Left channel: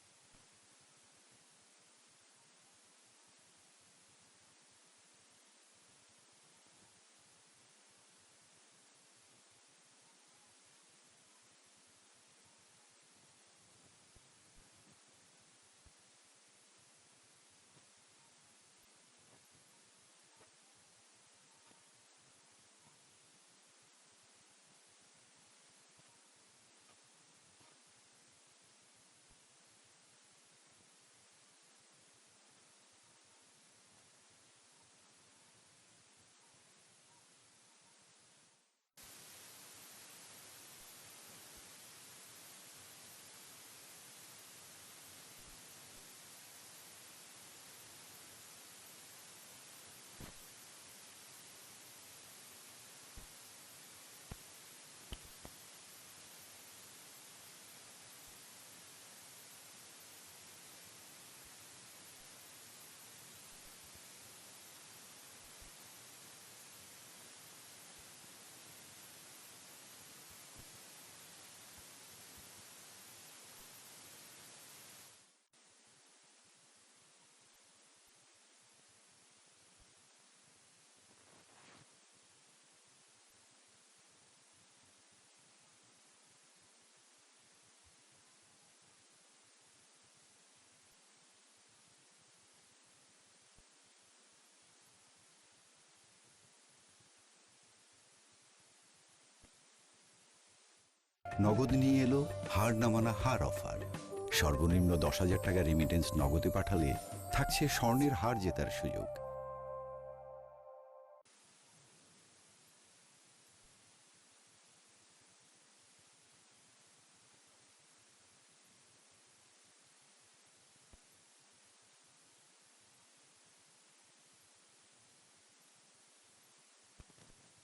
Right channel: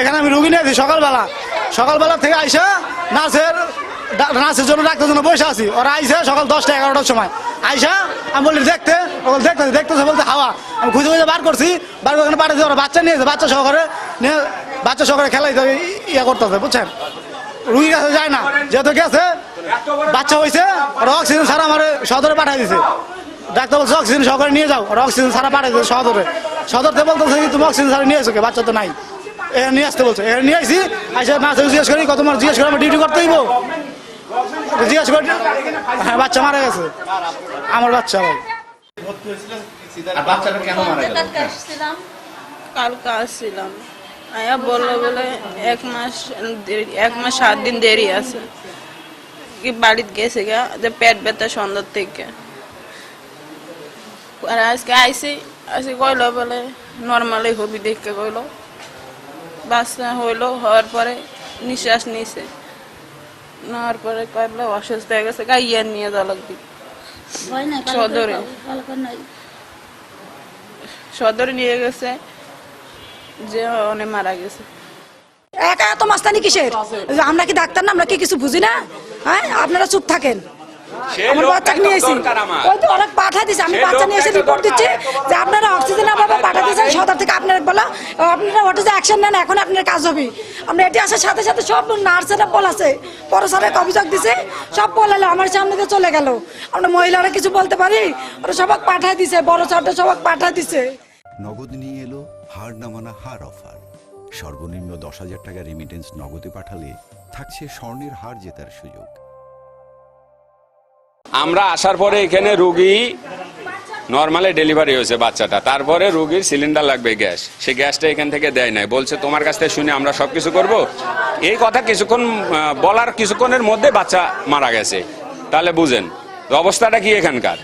এখানে আমি রুগী নিয়েছি সকালবেলা থেকে আইসা নার্সের জন্য ডাক্তার জন্য বসে আছি। ওরা আইসে সকাল 10টা 11টার সময় আইসা আমি বলি দেখতেছে বলতে হাওয়া আমি খুঁজে বার করছি, বার করে পাঠাচ্ছি। ওরা বাচ্চা নিয়েছে, বাচ্চা সহকারে খেলাই ইয়ে করতেছে, বুঝছেন। রুগীর কাছে যায় না, যেহেতু গেছে বাচ্চা হয়েছে, ওরা অক্সিজেন ছাড়া আমার সদরে পাঠাই দিছে। ডাক্তার বলছে অক্সিজেন সহকারে নিয়ে যাও, ওরা অক্সিজেন ছাড়া পাঠাই দিচ্ছে সদরতে বলতেছে তুমি অক্সিজেন ছাড়া নিয়ে এসো, বাচ্চা তো নাই, নিয়ে আসতে বলছে। নিয়ে আসছি, আইসা নার্সে জিজ্ঞেস করি তোমার জিজ্ঞেস করে আমার ডিউটি করতে হইব, জিজ্ঞেস করি হ্যাঁ বাচ্চা মারা গেছে, আমার বাচ্চা। ভাই কালকে আসছিলাম, আয়া বললো বলে 1 মাস 7 দিন দেরি আছে, কি বাড়িতে গেছে গা যে পেট ব্যথা সন্ধ্যার থেকে। আর আজকে আইসি কইলো বলে নর্মালি হবি দেখে কইলো, বাচ্চা হইলো, হওয়ার পরে নিঃশ্বাস নিছে, নেওয়ার পরে কইলো অসুস্থ হয়ে গেছে, গাইয়ার নিয়ে যাওয়া লাগবে সদরে নিয়ে গেছে, যে অনেক মারা গেছে। একা এত মাস্তানি কিসের? আমরা কি ডাক্তার না? আমরা কি কিছু বুঝি না? হ্যাঁ, আপনারা চুপ থাকেন। আমার বাচ্চাকে নিয়েছি, ওই তো অনেক পাঠা দিচ্ছে, আমি বাচ্চা নিয়ে এসে রিপোর্ট দিচ্ছি যে আপনারা অক্সিজেন অভাবে পাঠা দিয়েছেন সদর থেকে। আপনারা বলা আপনারা ওটা যে অ্যাকশন নেন, এখন আপনার কাজ হবে। আমরা এটি আসার সাথে সাথে সব নার্সেরা বলাছে, পরে স্যারের অভিযোগ দিছে, সব বলালো, আমার সামনে দিয়ে চলে গেল। আমরা মহিলারা কিছু বলতে পারি? ওরা সবাক পাঠা দিছে, বড় ছাড়টা সবাক পাঠা দিছে। নগদ নিয়ে এলো হার না মানা হার অফার। সর্বনিম্ন 10,000 টাকা রেমিটেন্স নগদে পাঠালে থাকছে স্বর্ণের হার জেতার সুযোগ। আমরা আসার পরে এখানে রুগী নর্মালি ডেলিভারি হয়েছে বাচ্চাটা, তারপরে রুগীর সিলিন্ডার লাগবে গ্যাস, সে গ্যাসটা এখান থেকে দেয় নাই, বলছে তোমার কাছ থেকে শুনে আমরা সবকিছু করব। এই কথা কিছুক্ষণ বলার কিছুক্ষণের মধ্যে বাচ্চা মারা গেছে। তাহলে বুঝেন অবস্থাটা কি এখানকার,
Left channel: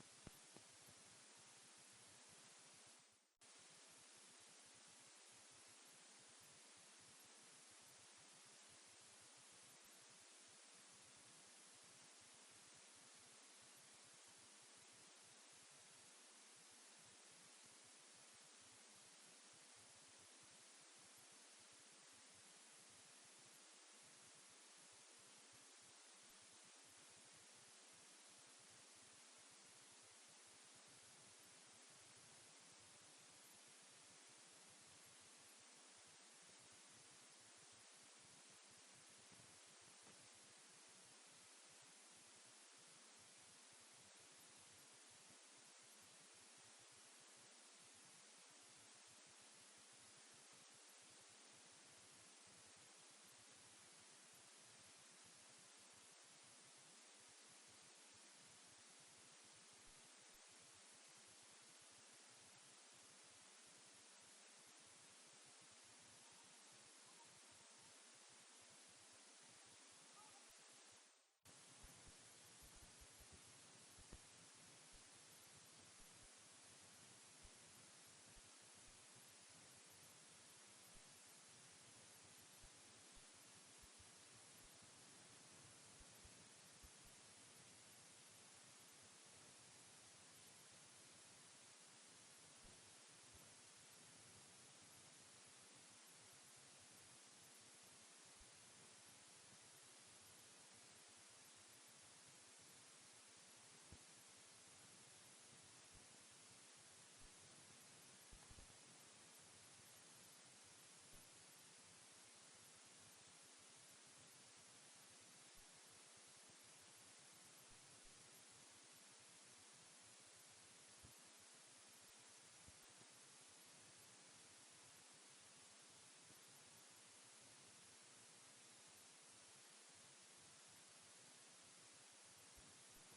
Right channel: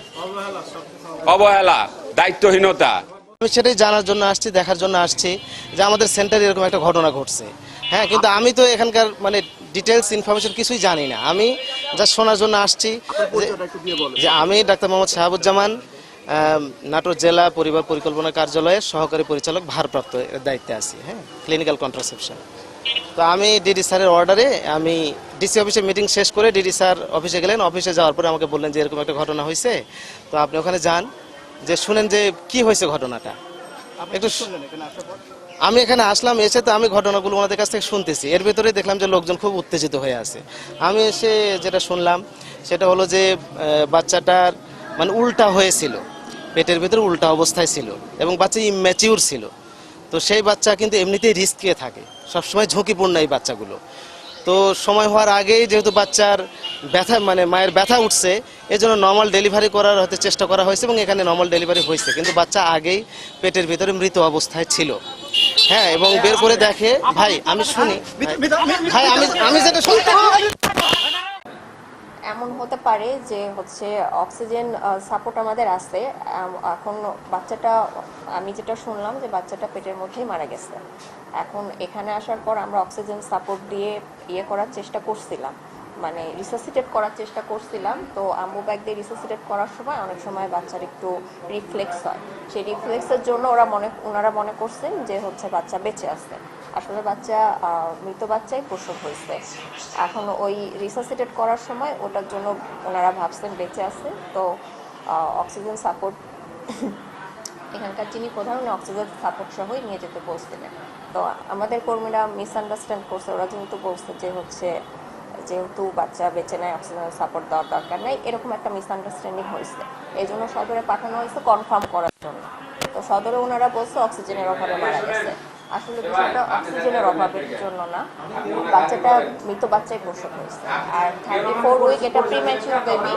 অবহেলা, দায়িত্বহীনতা। আমি সেটাই জানার জন্য আসছি, দেখার জন্য আসছি যে আমাদের সেন্টারে এরকম একটা ঘটনা ঘটছে। হ্যাঁ, কিন্তু আমি তো এখানকার মানে ডিটেলস ইনফরমেশন কিছুই জানি না, আমি যা শোনার জন্য আসছি যে আমি ডাক্তার মোহাম্মদ শাহাবুজ্জামান, নাটোর জেলা পরিবার পরিকল্পনা কার্যালয়ের সহকারী পরিচালক ভারপ্রাপ্ত দায়িত্বে আছি। হ্যাঁ, ক্লিনিক্যাল কন্ট্রাসেপশন। তো আমি ডিডি স্যারের অর্ডারে আমি ডিসি অফিসে মিটিং শেষ করে ডিডি স্যার অফিসে গেলেন। অফিসে যাওয়ার পরে আমাকে বললেন যে এরকম একটা ঘটনা হয়েছে, তো আপনি ওখানে যান, যে শুনেন যে কি হয়েছে ঘটনাটা একটু। আমি এখানে আসলাম, এসে তো আমি ঘটনাগুলো ওনাদের কাছ থেকে শুনতেছি, এর ভেতরে দেখলাম যে লোকজন খুব উত্তেজিত হয়ে আছে। আমি এসে যেটা শুনলাম সেটা হলো যে বাচ্চাটার মানে উল্টা হয়েছিল, পেটের ভেতরে উল্টা অবস্থায় ছিল এবং বাচ্চা ইম্যাচিউর ছিল। তো সেই বাচ্চা কিন্তু এমনিতেই রিস্কে থাকে, সবসময় ঝুঁকিপূর্ণ এই বাচ্চাগুলো। তো সময় হওয়ার আগেই যেহেতু বাচ্চার ব্যথা মানে মায়ের ব্যথা উঠছে, এই জন্য নর্মাল ডেলিভারি করার হয়তো চেষ্টা করা হয়েছে এবং এখানে নর্মাল ডেলিভারি হয়েছে, কিন্তু বাচ্চা আগেই পেটের ভিতরে মৃত অবস্থায় ছিল। হ্যাঁ, এবং বের করে দেখে, ভাই আমি শুনি, ভাই আমি যেটা শুনতে এমন হতে পারে যে হচ্ছে অক্সিজেন সাপোর্ট আমাদের আছে, এখন বাচ্চাটা আমি যেটা শুনলাম যে বাচ্চাটা পেটের মধ্যেই মারা গেছে। এখন এখানে আসার পর আমরা অক্সিজেন সাপোর্ট দিয়ে করার চেষ্টা করছিলাম, মানে রিসাসিটেট করার চেষ্টা করছিলাম। তো আম্বু ব্যাগ দিয়ে রিসাসিটেট করার সময় অনেক সময় বাচ্চার একটু রিফ্লেক্স হয়, সেই রিফ্লেক্সের জন্য ওনারা মনে করছেন যে হচ্ছে বাচ্চা বেঁচে আছে। আসলে বাচ্চা মৃত বাচ্চাই প্রসব হয়েছে। এখন ওই রিসাসিটেট করার সময় ওটার জন্য ওনারা ভাবছেন বেঁচে আছে। তো অক্সিজেন সাপোর্ট এখানকার যিনি প্রধান অক্সিজেন সাপোর্ট সহই নিয়ে যেতে বলছিলেন। তো আমাদের কর্মীরা মিসআন্ডারস্ট্যান্ড করছে, ওরা যেহেতু বলছে যে হচ্ছে যেহেতু বাচ্চা বেঁচে নেয় অক্সিজেন সাপোর্ট দেওয়ার দরকার নেই, এরকম একটা মিসআন্ডারস্ট্যান্ডিং হয়েছে। এই জন্য সদরে পাঠানো হয়েছে কনফার্ম করার জন্য। তো সদরে ওনারা বলছে অক্সিজেনের অভাবে মারা গেছে। আসলে বিষয়টা অক্সিজেনের অভাবের জন্য না, বাচ্চাটা মৃত বাচ্চাই প্রসব হয়েছে। আর 34 উইক এটা প্রিম্যাচিউর বেবি।